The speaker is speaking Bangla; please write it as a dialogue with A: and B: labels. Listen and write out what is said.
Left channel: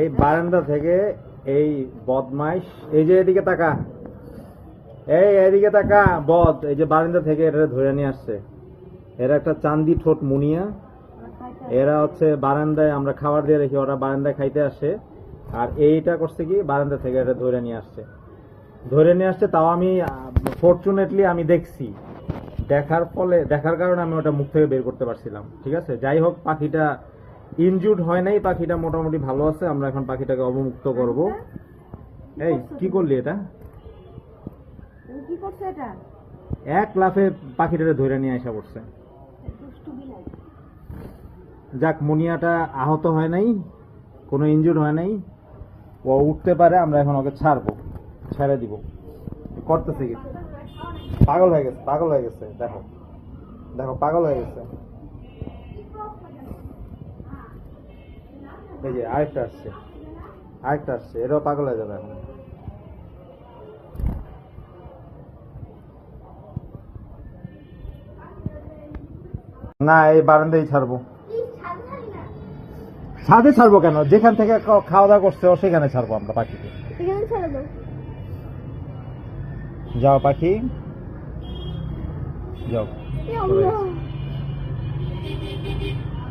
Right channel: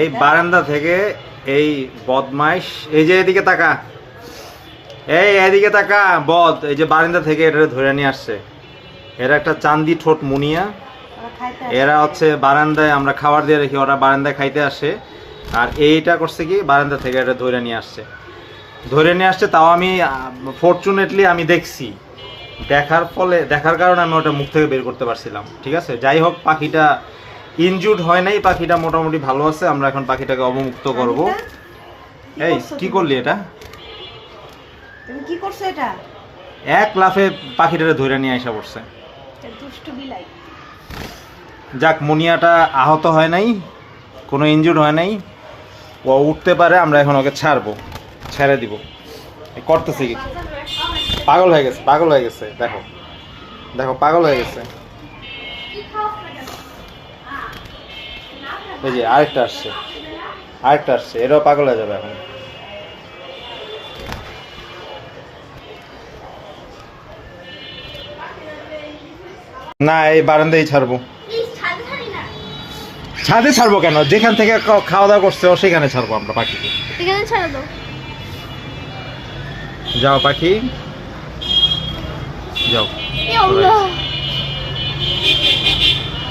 A: এই বারান্দা থেকে এই বদমাইশ এই যে এদিকে তাকা। এই এদিকে তাকা বদ এই যে বারান্দা থেকে এটা ধরে নিয়ে আসছে। এরা একটা চান্দি ঠোঁট মুনিয়া। এরা হচ্ছে বারান্দায় আমরা খাবার দিয়ে রেখি ওরা বারান্দায় খাইতে আসে। আর এইটা করছে কি বারান্দা থেকে এটা ধরে নিয়ে আসছে। ধরে নিয়ে আসছে তাও আমি ফরচুনেটলি আমি দেখছি। দেখার ফলে দেখার কারণে আমি ওটা মুখ থেকে বের করতে পারছিলাম। ঠিক আছে? যাই হোক পাখিটা ইনজুর্ড হয় নাই পাখিটা মোটামুটি ভালো আছে আমরা এখন পাখিটাকে অবমুক্ত করব। এই কি করলি এটা?
B: তুমি কি করছ এটা?
A: এক লাফে পাখিটারে ধরে নিয়ে আসা পড়ছে।
B: দুষ্টু বিলাই।
A: যাক মুনিয়াটা আহত হয় নাই কোনো ইনজুর্ড হয় নাই। ও উঠতে পারে আমরা এখন ওকে ছাড়বো ছেড়ে দিব। করতেছি কি? পাগল হয়ে গেছে পাগল হয়ে গেছে দেখো। দেখো পাগল হয়ে গেছে। এই যে আরেকটা আসছে। আরেকটা আসছে। এটাও পাগল হয়ে যাবে এখন। না এই বারান্দায় ছাড়বো। ছাদে ছাড়বো কেন? যেখান থেকে খাওয়া দাওয়া করছে সেখানে ছাড়বো আমরা পাখিকে যাও পাখি। যাও।